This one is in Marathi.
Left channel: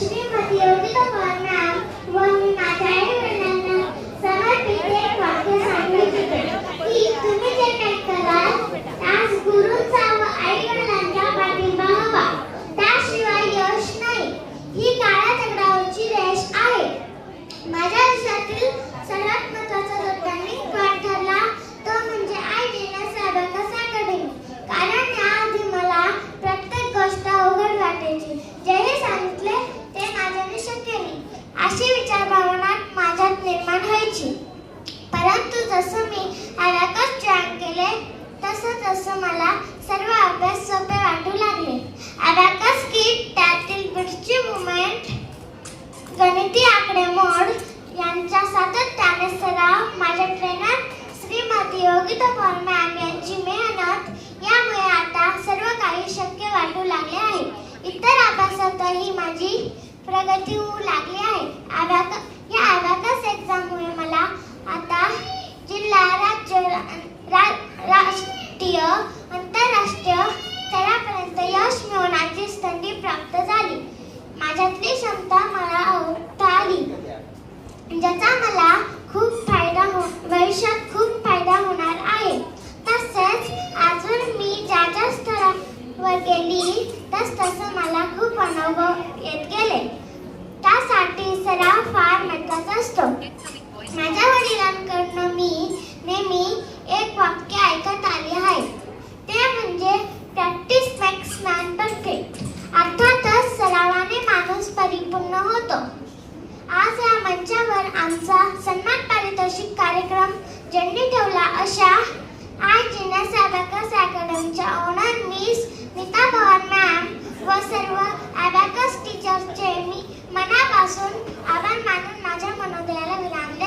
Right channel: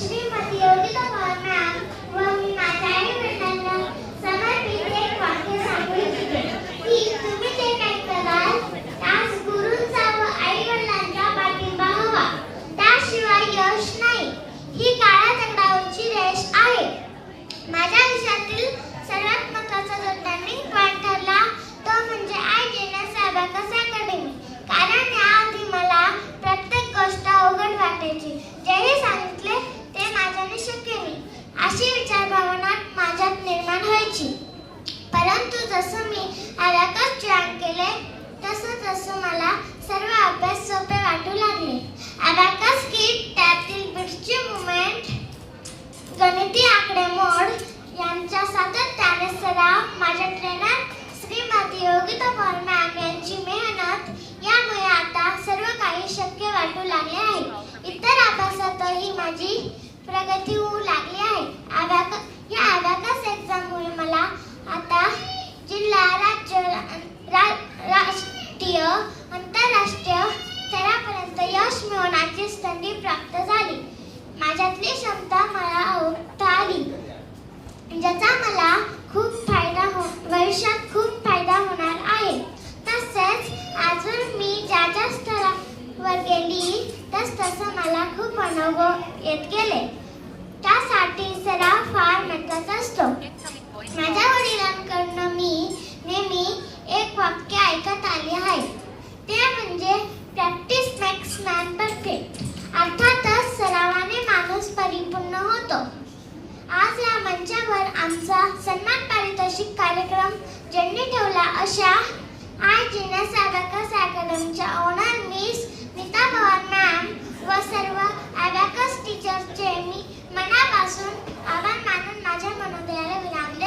श्रीमती योगिता पवार मॅम व मी माझ्या आई-वडिलांना समर्पित एक वाक्य सांगू इच्छिते की तुम्ही जे काही कराल त्यास गुरूंचा व आई-वडिलांचा पाठिंबा हवा, त्याशिवाय यश नाही. ही काळ्या दगडावरची रेष आहे. माझ्या आयुष्यातील सर्वात महत्त्वाचा जो टर्निंग पॉइंट ठरला तो म्हणजे IGNS अबॅकस अकॅडमी. कारण याआधी मला प्रत्येक गोष्ट अवघड वाटायची. जेही सांगितले ते माझ्याने शक्य नाही अशी विचारभावना माझ्यात निर्माण व्हायची. परंतु जसं मी अबॅकस जॉईन केले तसं मला सर्व अभ्यास सोपे वाटू लागले. अबॅकस किट, त्यातील बिट्सची मुवमेंट, गणिती आकडेमोड यांचा सातत्याने सराव, माझ्या ट्रेनर श्रीमती योगिता पवार मॅम यांची मेहनत यामुळे आता सर्व काही शक्य वाटू लागले आहे. इतर अभ्यासातही माझी प्रगती होऊ लागली आहे. या अबॅकस एक्झाममुळे मला आता जिल्हा, राज्य, राष्ट्रीय, आंतरराष्ट्रीय स्तरापर्यंत यश मिळवण्याची संधी प्राप्त झाली. माझ्यातली क्षमता मला ओळखता आली, ज्याचा मला भविष्यात खूप फायदा होणार आहे. तसेच अजून मी ज्या स्तरावर गेली तसं मला खूप अनुभव येत गेले. त्यासाठी सराव फार महत्त्वाचा असतो. माझ्या वडिलांकडून मी नेहमी एक वाक्य ऐकत आले आहे, ते म्हणजे प्रॅक्टिस मेक्स मॅन परफेक्ट. अर्थातच सरावाने माणूस परिपूर्ण होतो. आज या मंचावर आमचा सन्मान पारितोषिक कार्यक्रम ज्यांनी ठेवला अशा IGNS अबॅकस अकॅडमीच्या owner miss Neeta Pawar ma'am व सर्व अबॅकस टीचर्सचे मी मनापासून आभार मानून माझ्या मनोदयाला विराम